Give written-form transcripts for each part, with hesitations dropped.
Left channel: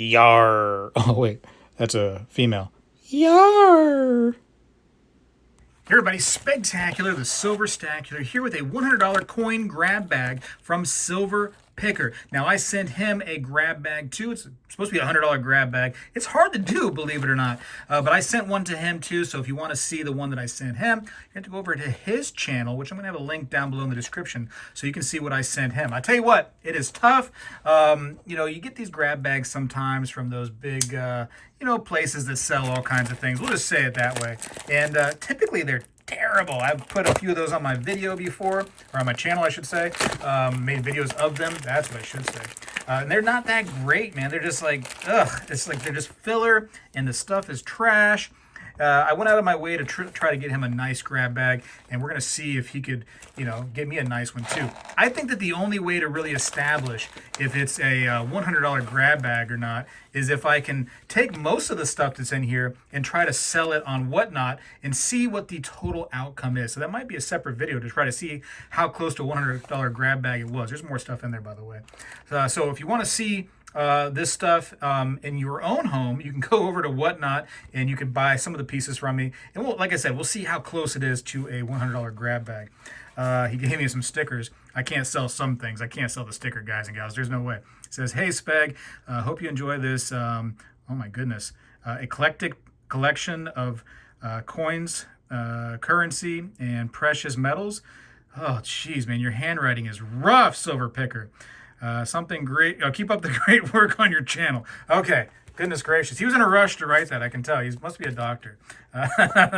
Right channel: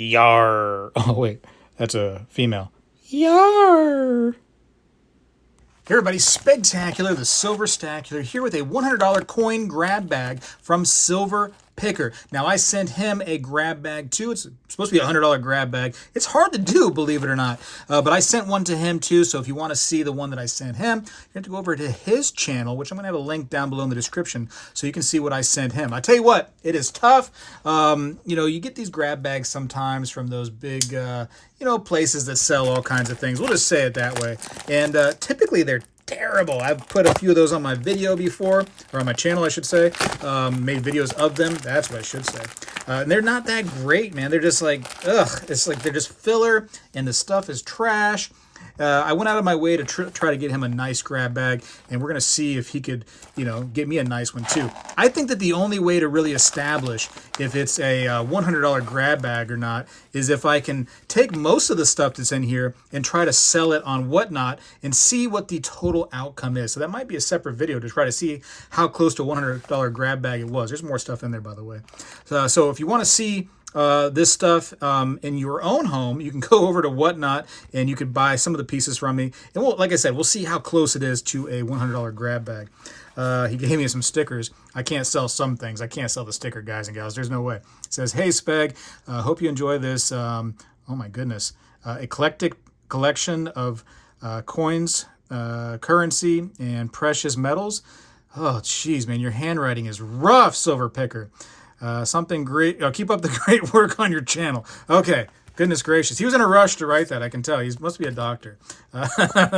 Yar. Oh, wait. That's a female. Yar. Hey everybody, Spegtacular, the Silver Stacular, here with a $100 coin grab bag from Silver Picker. Now, I sent him a grab bag too. It's supposed to be a $100 grab bag. It's hard to do, believe it or not. But I sent one to him too, so if you want to see the one that I sent him, you have to go over to his channel, which I'm going to have a link down below in the description so you can see what I sent him. I tell you what, it is tough. You know, you get these grab bags sometimes from those big, you know, places that sell all kinds of things. We'll just say it that way. And typically they're terrible. I've put a few of those on my video before, or on my channel, I should say. Made videos of them. That's what I should say. And they're not that great, man. They're just like, ugh. It's like they're just filler, and the stuff is trash. I went out of my way to try to get him a nice grab bag, and we're going to see if he could, you know, get me a nice one too. I think that the only way to really establish if it's a $100 grab bag or not is if I can take most of the stuff that's in here and try to sell it on Whatnot and see what the total outcome is. So that might be a separate video to try to see how close to a $100 grab bag it was. There's more stuff in there, by the way. So if you want to see this stuff in your own home, you can go over to Whatnot and you can buy some of the pieces from me. And we'll, like I said, we'll see how close it is to a $100 grab bag. He gave me some stickers. I can't sell some things. I can't sell the sticker, guys and gals. There's no way. It says, "Hey, Speg, hope you enjoy this, oh my goodness, eclectic collection of coins, currency, and precious metals." Oh, geez, man, your handwriting is rough, Silver Picker. Something great. Keep up the great work on your channel. Okay. Goodness gracious. He was in a rush to write that, I can tell. He must be a doctor.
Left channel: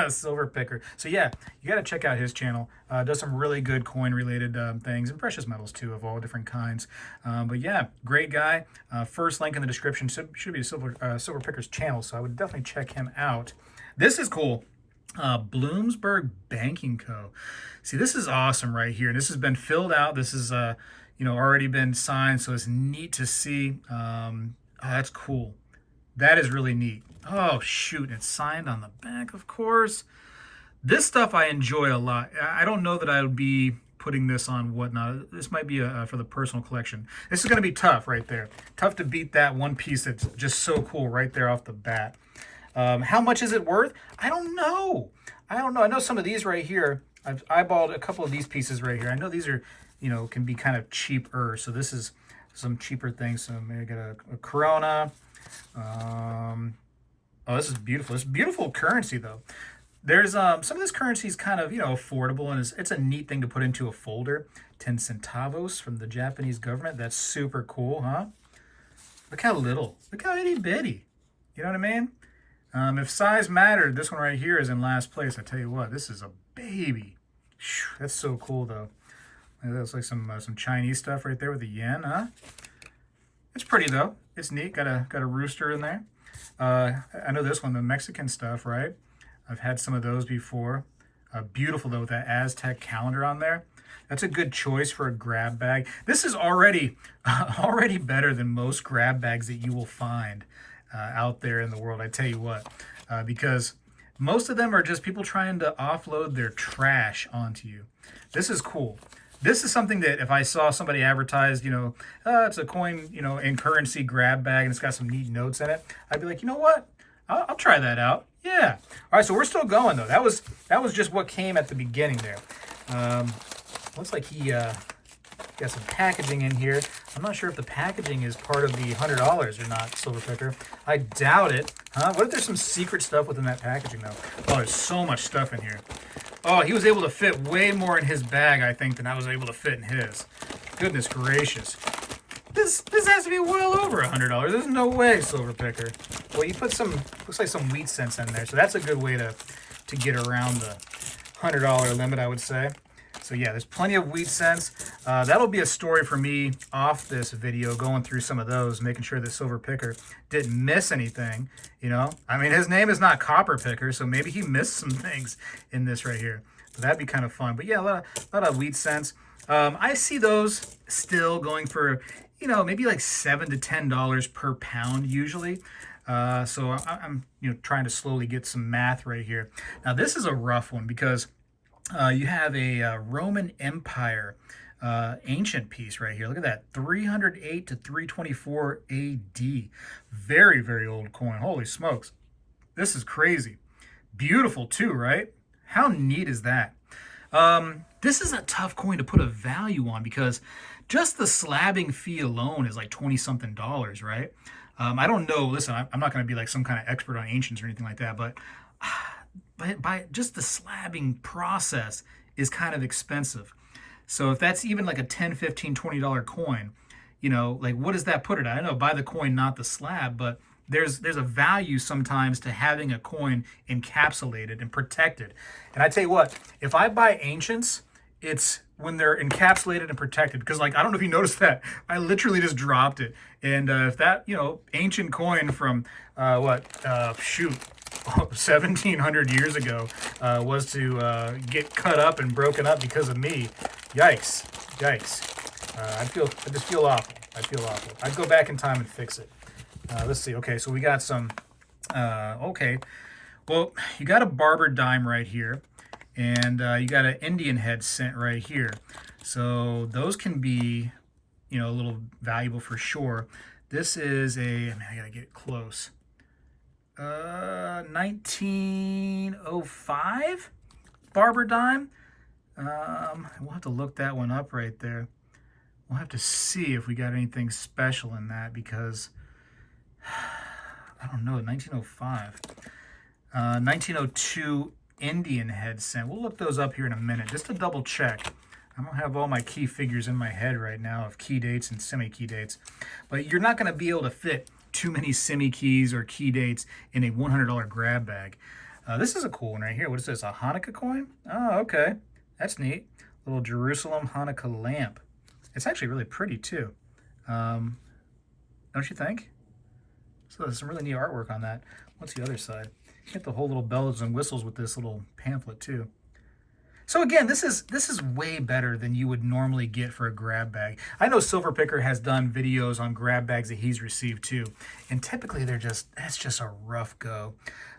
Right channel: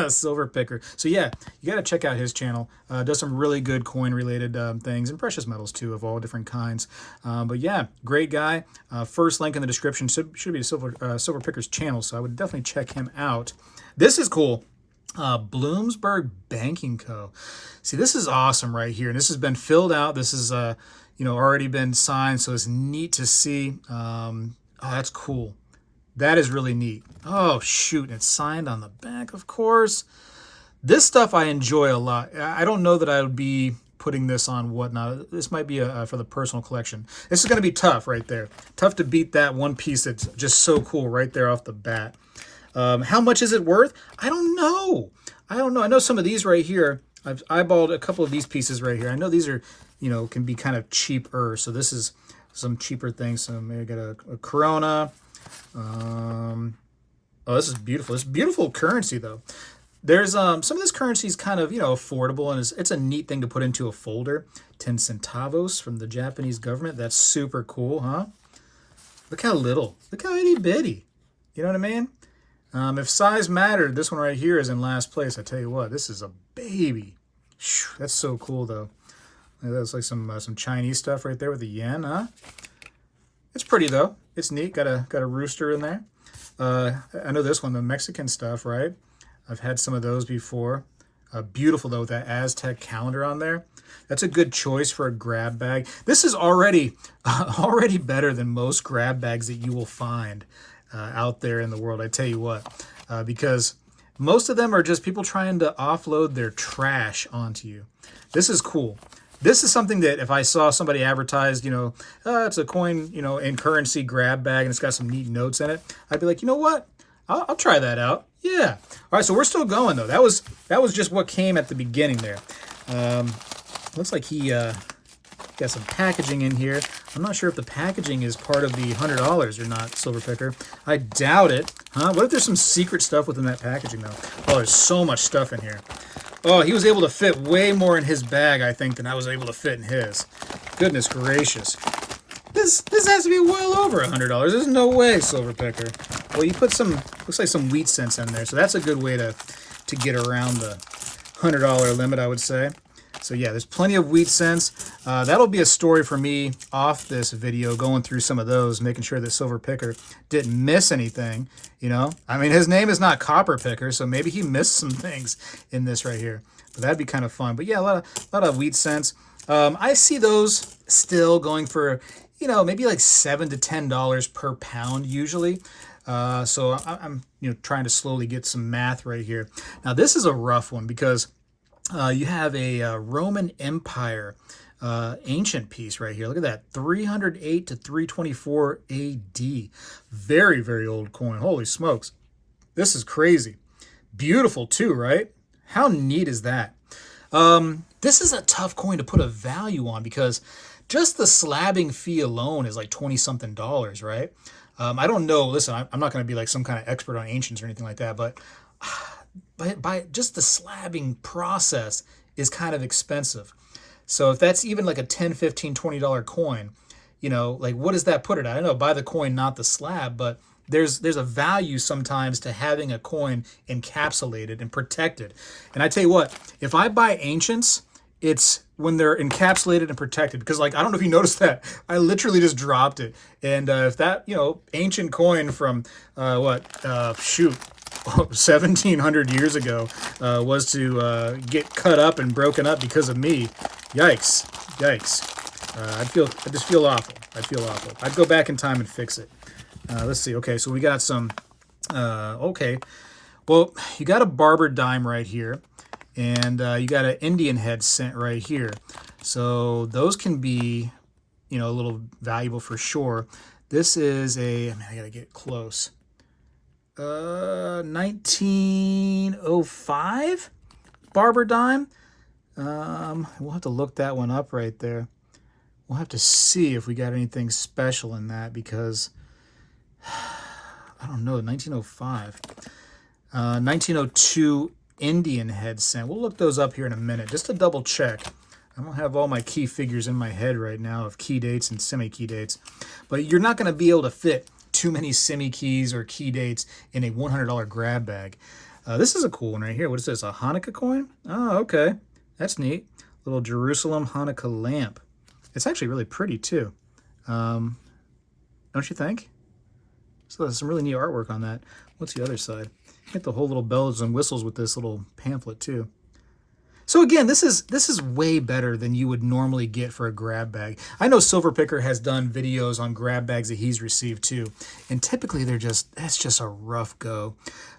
Silver Picker. So yeah, you got to check out his channel. Does some really good coin-related things and precious metals too of all different kinds. But yeah, great guy. First link in the description should be Silver Picker's channel, so I would definitely check him out. This is cool. Bloomsburg Banking Co. See, this is awesome right here. And this has been filled out. This is you know, already been signed, so it's neat to see. Oh, that's cool. That is really neat. Oh, shoot, and it's signed on the back, of course. This stuff I enjoy a lot. I don't know that I would be putting this on Whatnot. This might be for the personal collection. This is going to be tough right there. Tough to beat that one piece that's just so cool right there off the bat. How much is it worth? I don't know. I know some of these right here. I've eyeballed a couple of these pieces right here. I know these are, you know, can be kind of cheaper. So this is some cheaper things. So maybe get a Corona. Oh, this is beautiful. It's beautiful currency though. There's some of this currency is kind of, you know, affordable, and it's a neat thing to put into a folder. 10 centavos from the Japanese government. That's super cool, huh? Look how little. Look how itty bitty. You know what I mean? If size mattered, this one right here is in last place. I tell you what, this is a baby. That's so cool though. That's like some Chinese stuff right there with the yen, huh? It's pretty though. It's neat. Got a rooster in there. I know this one, the Mexican stuff, right? I've had some of those before. Beautiful though with that Aztec calendar on there. That's a good choice for a grab bag. This is already better than most grab bags that you will find out there in the world. I tell you what, because most of them are just people trying to offload their trash onto you. This is cool. This is something that if I saw somebody advertised, you know, it's a coin, you know, and currency grab bag and it's got some neat notes in it, I'd be like, you know what? I'll try that out. Yeah. All right, so we're still going though. That was just what came at the beginning there. Looks like he got some packaging in here. I'm not sure if the packaging is part of the $100 or not, Silver Picker. I doubt it. Huh? What if there's some secret stuff within that packaging though? Oh, there's so much stuff in here. Oh, he was able to fit way more in his bag, I think, than I was able to fit in his. Goodness gracious. This has to be well over $100. There's no way, Silver Picker. Well, you put some, looks like some wheat cents in there, so that's a good way to get around the $100 limit, I would say. So yeah, there's plenty of wheat cents. That'll be a story for me off this video, going through some of those, making sure that Silver Picker didn't miss anything, you know? I mean, his name is not Copper Picker, so maybe he missed some things in this right here. But that'd be kind of fun. But yeah, a lot of wheat cents. I see those still going for, you know, maybe like $7 to $10 per pound usually. So I'm you know, trying to slowly get some math right here. Now this is a rough one because you have a Roman Empire ancient piece right here. Look at that, 308 to 324 AD. Very, very old coin. Holy smokes. This is crazy. Beautiful too, right? How neat is that? This is a tough coin to put a value on because just the slabbing fee alone is like 20 something dollars, right? I don't know. Listen, I'm not going to be like some kind of expert on ancients or anything like that, but by just the slabbing process is kind of expensive. So if that's even like a 10, 15, $20 coin, you know, like what does that put it at? I know buy the coin, not the slab, but there's a value sometimes to having a coin encapsulated and protected. And I tell you what, if I buy ancients, it's when they're encapsulated and protected, because like, I don't know if you noticed that, I literally just dropped it. And if that, you know, ancient coin from 1700 years ago was to get cut up and broken up because of me, yikes. I just feel awful. I'd go back in time and fix it. Let's see. Okay, so we got some. Okay, well, you got a barber dime right here, and you got an Indian head cent right here. So those can be, you know, a little valuable for sure. This is I gotta get close. 1905 barber dime. We'll have to look that one up right there. We'll have to see if we got anything special in that because I don't know. 1905, 1902 Indian head cent. We'll look those up here in a minute just to double check. I don't have all my key figures in my head right now of key dates and semi-key dates, but you're not going to be able to fit too many semi-keys or key dates in a $100 grab bag. This is a cool one right here. What is this, a Hanukkah coin? Oh, okay. That's neat. Little Jerusalem Hanukkah lamp. It's actually really pretty too. Don't you think? So there's some really neat artwork on that. What's the other side? Get the whole little bells and whistles with this little pamphlet too. So again, this is way better than you would normally get for a grab bag. I know Silver Picker has done videos on grab bags that he's received too, and typically that's just a rough go.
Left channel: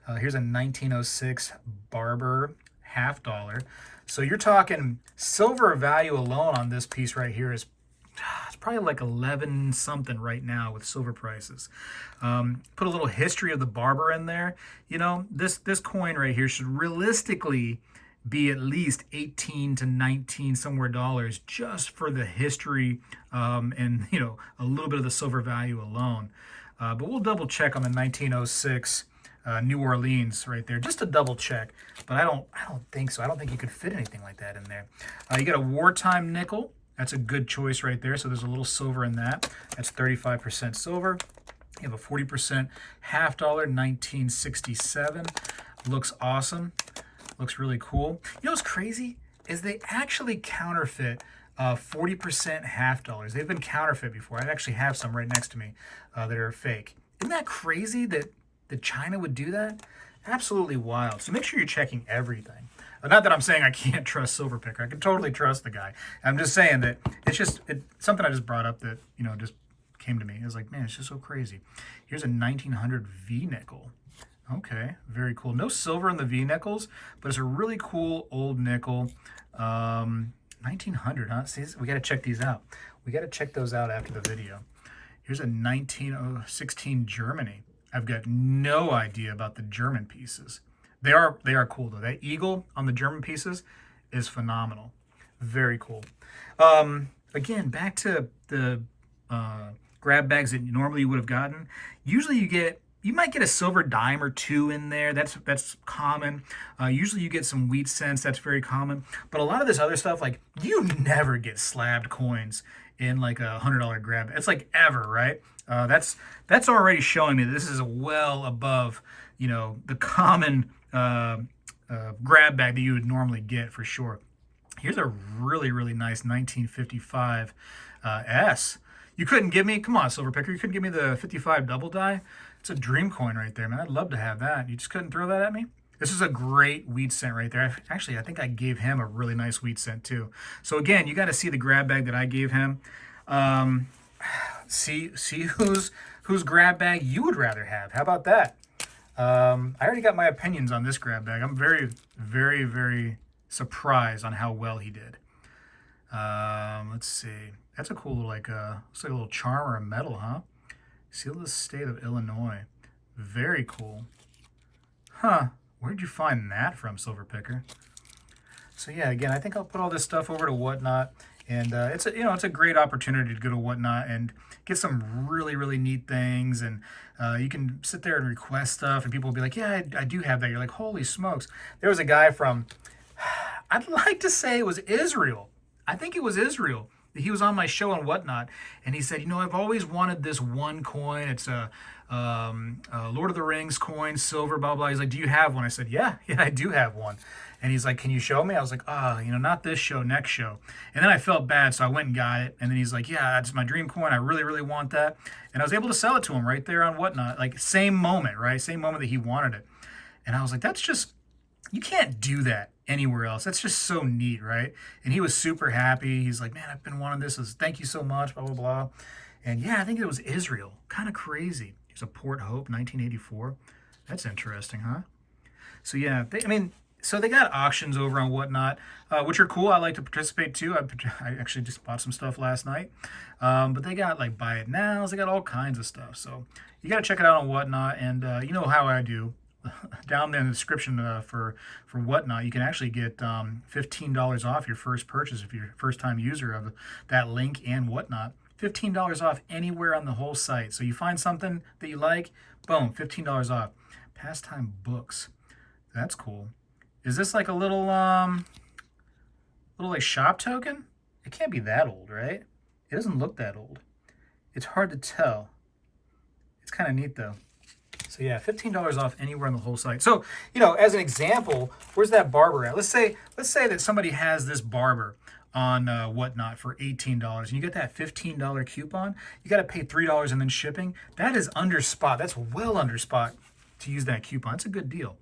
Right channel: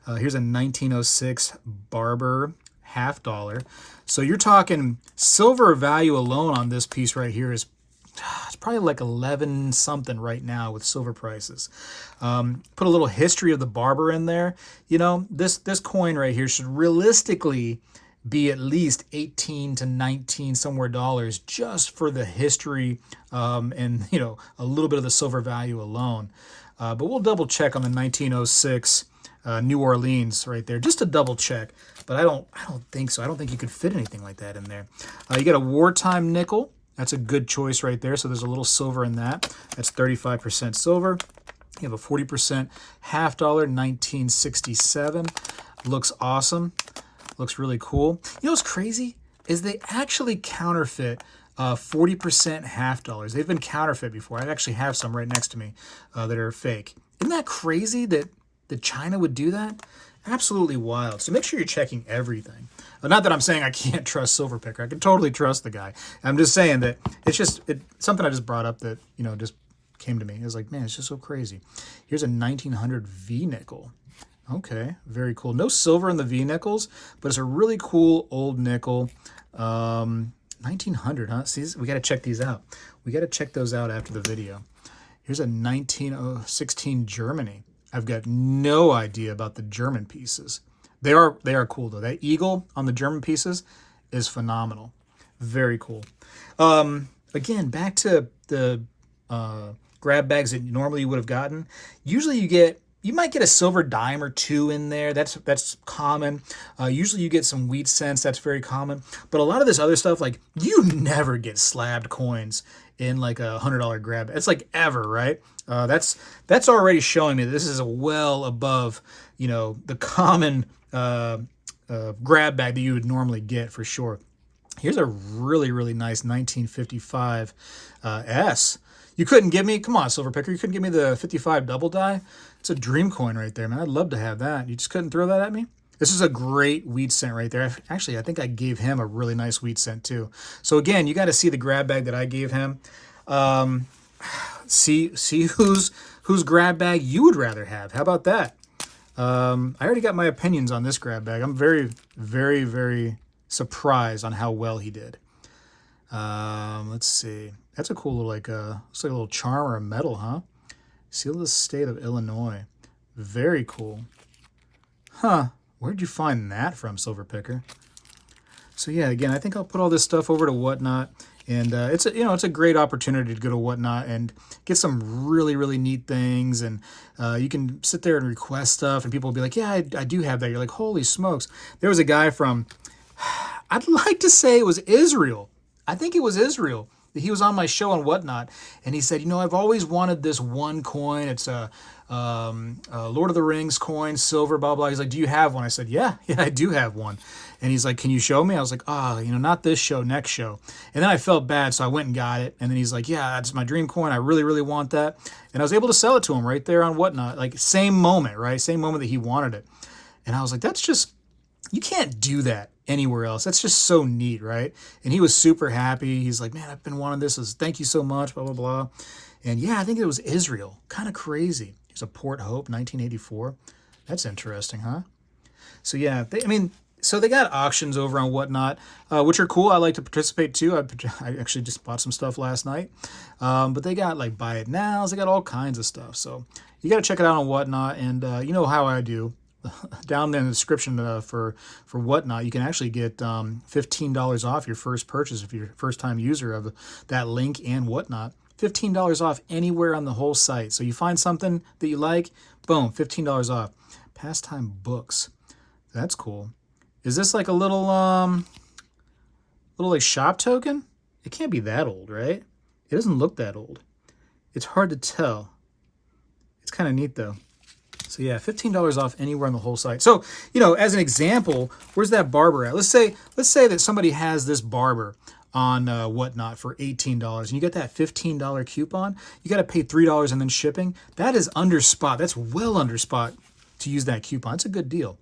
Here's a 1906 Barber $50. So you're talking silver value alone on this piece right here is it's probably like 11 something right now with silver prices. Put a little history of the barber in there. You know, this coin right here should realistically be at least 18 to 19 somewhere dollars just for the history and, you know, a little bit of the silver value alone. But we'll double check on the 1906 New Orleans right there just to double check. But I don't think so. I don't think you could fit anything like that in there. You got a wartime nickel. That's a good choice right there. So there's a little silver in that. That's 35% silver. You have a 40% $50, 1967. Looks awesome. Looks really cool. You know what's crazy is they actually counterfeit 40% $50. They've been counterfeit before. I actually have some right next to me that are fake. Isn't that crazy that China would do that? Absolutely wild. So make sure you're checking everything. Not that I'm saying I can't trust Silver Picker. I can totally trust the guy. I'm just saying that it's something I just brought up that, you know, just came to me. It was like, man, it's just so crazy. Here's a 1900 V nickel. Okay, very cool. No silver in the V nickels, but it's a really cool old nickel. 1900, huh? See, we got to check these out. We got to check those out after the video. Here's a 1916 Germany. I've got no idea about the German pieces. They are cool though. That eagle on the German pieces is phenomenal. Very cool. Again, back to the grab bags that normally you would have gotten. Usually you might get a silver dime or two in there. That's common. Usually you get some wheat cents. That's very common. But a lot of this other stuff, like you never get slabbed coins in like a $100 grab. It's like ever, right? That's already showing me that this is well above, you know, the common grab bag that you would normally get for sure. Here's a really, really nice 1955 S. You couldn't give me, come on, Silver Picker, you couldn't give me the 55 double die? It's a dream coin right there, man. I'd love to have that. You just couldn't throw that at me? This is a great wheat cent right there. Actually, I think I gave him a really nice wheat cent too. So again, you got to see the grab bag that I gave him. See whose grab bag you would rather have. How about that? I already got my opinions on this grab bag. I'm very, very, very surprised on how well he did. Let's see. That's a cool little, like, looks like a little charm or a medal, huh? Seal of the state of Illinois. Very cool. Huh. Where'd you find that from, Silver Picker? So yeah, again, I think I'll put all this stuff over to Whatnot, and it's a, it's a great opportunity to go to Whatnot and get some really, really neat things, and you can sit there and request stuff, and people will be like, yeah, I do have that. You're like, holy smokes. There was a guy from, I'd like to say it was Israel. I think it was Israel. He was on my show on Whatnot, and he said, I've always wanted this one coin. It's a Lord of the Rings coin, silver, blah, blah. He's like, do you have one? I said, yeah, I do have one. And he's like, can you show me? I was like, not this show, next show. And then I felt bad, so I went and got it. And then he's like, yeah, that's my dream coin. I really, really want that. And I was able to sell it to him right there on Whatnot, like same moment, right? Same moment that he wanted it. And I was like, that's just, you can't do that anywhere else. That's just so neat, right? And he was super happy. He's like, man, I've been wanting this. Thank you so much, blah, blah, blah. And yeah, I think it was Israel. Kind of crazy. He's a Port Hope, 1984. That's interesting, huh? So yeah, so they got auctions over on Whatnot, which are cool. I like to participate too. I actually just bought some stuff last night. But they got like buy it nows. They got all kinds of stuff. So you got to check it out on Whatnot. And you know how I do. Down there in the description for Whatnot, you can actually get $15 off your first purchase if you're a first-time user of that link and Whatnot. $15 off anywhere on the whole site. So you find something that you like, boom, $15 off. Pastime books. That's cool. Is this like a little like shop token? It can't be that old, right? It doesn't look that old. It's hard to tell. It's kind of neat though. So yeah, $15 off anywhere on the whole site. So, as an example, where's that barber at? Let's say that somebody has this barber on Whatnot for $18, and you get that $15 coupon. You got to pay $3 and then shipping. That is under spot. That's well under spot to use that coupon. It's a good deal.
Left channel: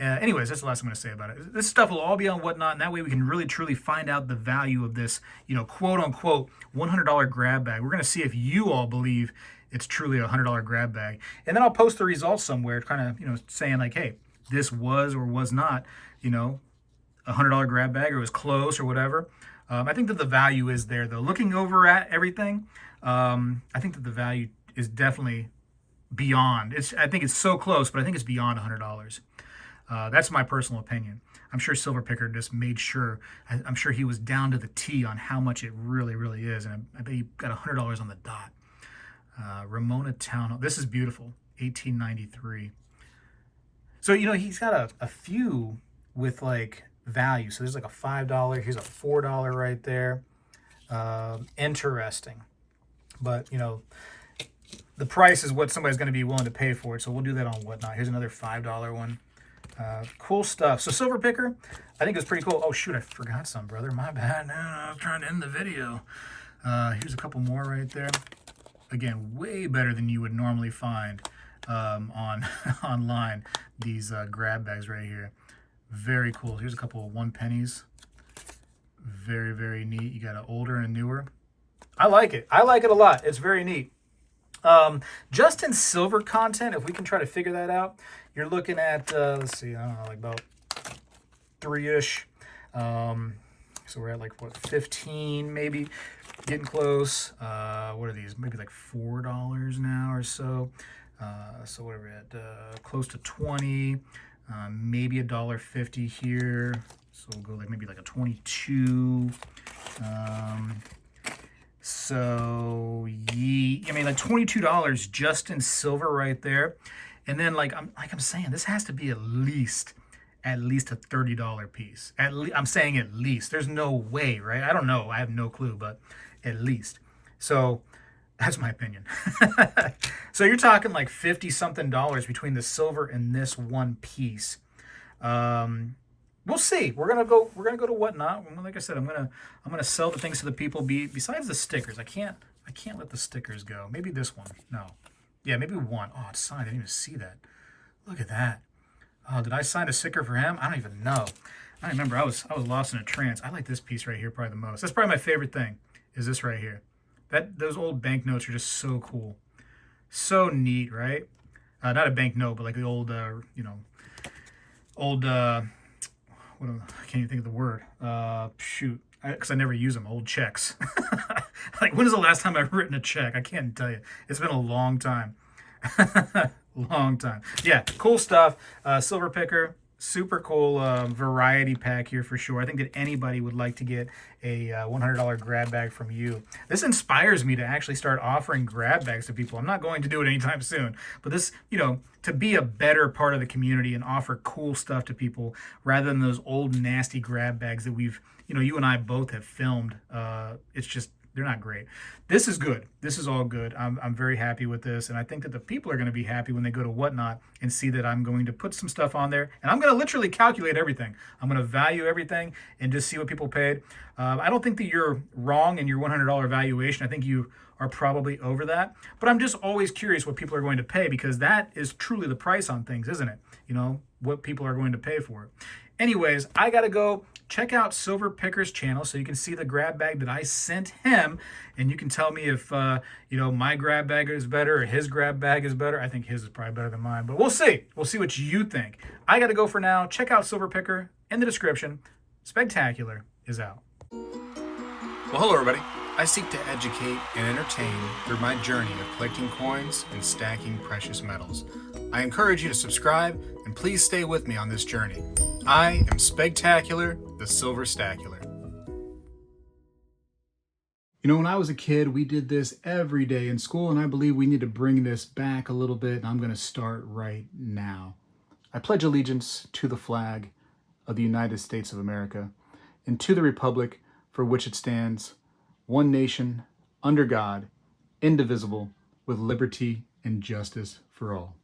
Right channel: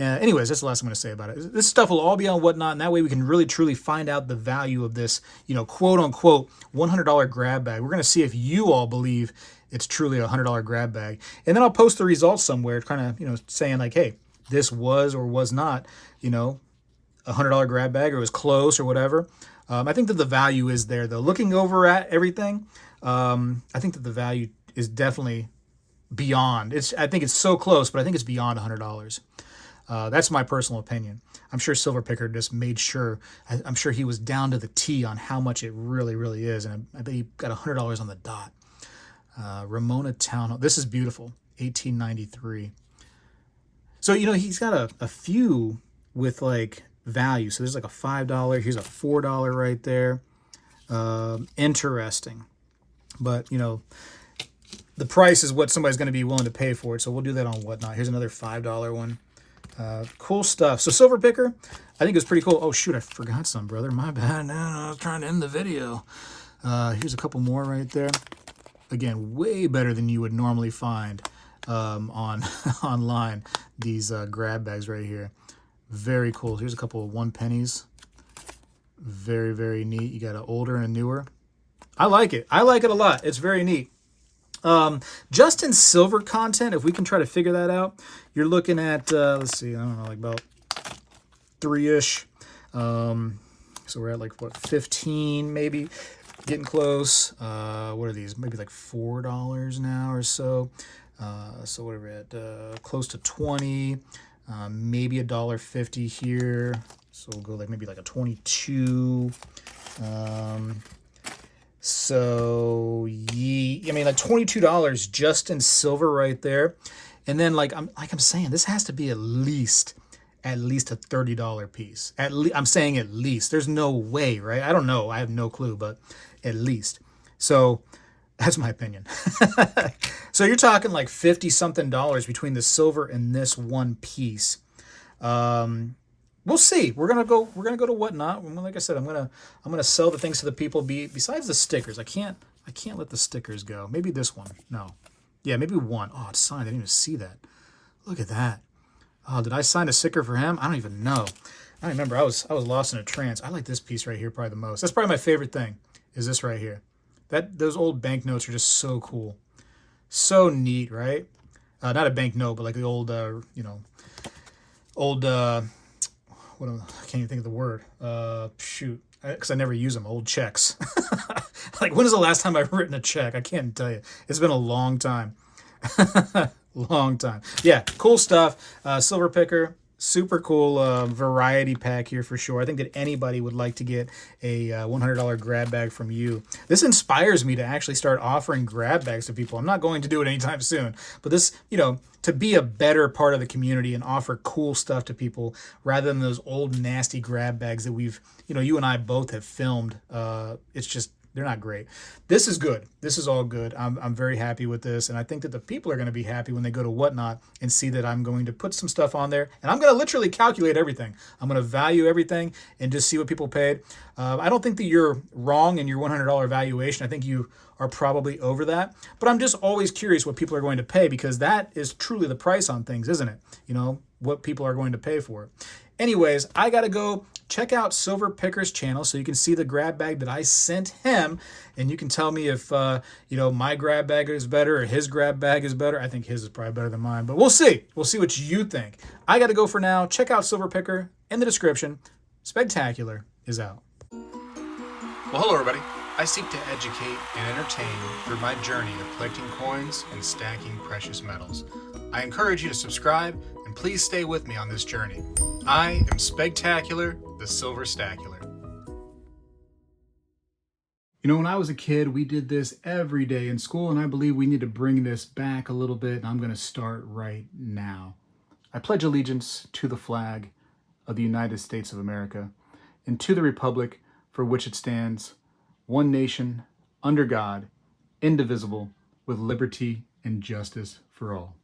Anyways, that's the last I'm going to say about it. This stuff will all be on Whatnot, and that way we can really, truly find out the value of this, quote-unquote $100 grab bag. We're going to see if you all believe it's truly a $100 grab bag. And then I'll post the results somewhere, kind of, saying like, hey, this was or was not, a $100 grab bag, or it was close or whatever. I think that the value is there, though. Looking over at everything, I think that the value is definitely beyond. I think it's so close, but I think it's beyond $100. That's my personal opinion. I'm sure Silver Picker just made sure. I'm sure he was down to the T on how much it really, really is, and I bet he got $100 on the dot. Ramona Town. This is beautiful. 1893. So he's got a few with like value. So there's like a $5. Here's a $4 right there. Interesting, but the price is what somebody's going to be willing to pay for it. So we'll do that on Whatnot. Here's another $5 one. Cool stuff. So Silver Picker, I think it was pretty cool. Oh shoot, I forgot some, brother. My bad. No, I was trying to end the video. Here's a couple more right there. Again, way better than you would normally find on online. These grab bags right here, very cool. Here's a couple of 1 pennies. Very, very neat. You got an older and a newer. I like it. I like it a lot. It's very neat. Just in silver content, if we can try to figure that out, you're looking at let's see, I don't know, like about 3-ish. So we're at like what, 15 maybe. Getting close. What are these? Maybe like $4 now or so. So what are we at? Close to 20. Maybe $1.50 here. So we'll go like maybe like a 22. So like $22 just in silver right there. And then like I'm saying, this has to be at least a $30 piece. I'm saying at least. There's no way, right? I don't know. I have no clue, but at least. So that's my opinion. So you're talking like 50 something dollars between the silver and this one piece. We'll see. We're gonna go to Whatnot. Like I said, I'm gonna sell the things to the people. Besides the stickers, I can't let the stickers go. Maybe this one. No. Yeah, maybe one. Oh, it's signed. I didn't even see that. Look at that. Oh, did I sign a sticker for him? I don't even know. I remember I was lost in a trance. I like this piece right here probably the most. That's probably my favorite thing, is this right here. Those old banknotes are just so cool. So neat, right? Not a banknote, but like the old, I can't even think of the word. Shoot. because I never use them, old checks. Like, when is the last time I've written a check? I can't tell you. It's been a long time. Long time. Yeah, cool stuff. Silver picker, super cool variety pack here for sure. I think that anybody would like to get a $100 grab bag from you. This inspires me to actually start offering grab bags to people. I'm not going to do it anytime soon, but this, to be a better part of the community and offer cool stuff to people rather than those old nasty grab bags that we've, you and I both have filmed. It's just, they're not great. This is good. This is all good. I'm very happy with this, and I think that the people are going to be happy when they go to Whatnot and see that I'm going to put some stuff on there, and I'm going to literally calculate everything. I'm going to value everything and just see what people paid. I don't think that you're wrong in your $100 valuation. I think you are probably over that, but I'm just always curious what people are going to pay, because that is truly the price on things, isn't it? What people are going to pay for it. Anyways, I got to go check out Silver Picker's channel so you can see the grab bag that I sent him, and you can tell me if, my grab bag is better or his grab bag is better. I think his is probably better than mine, but we'll see. We'll see what you think. I got to go for now. Check out Silver Picker in the description. Spegtacular is out. Well, hello, everybody. I seek to educate and entertain through my journey of collecting coins and stacking precious metals. I encourage you to subscribe, and please stay with me on this journey. I am Spegtacular, the Silver Stacular. When I was a kid, we did this every day in school, and I believe we need to bring this back a little bit, and I'm going to start right now. I pledge allegiance to the flag of the United States of America and to the republic for which it stands, one nation, under God, indivisible, with liberty and justice for all.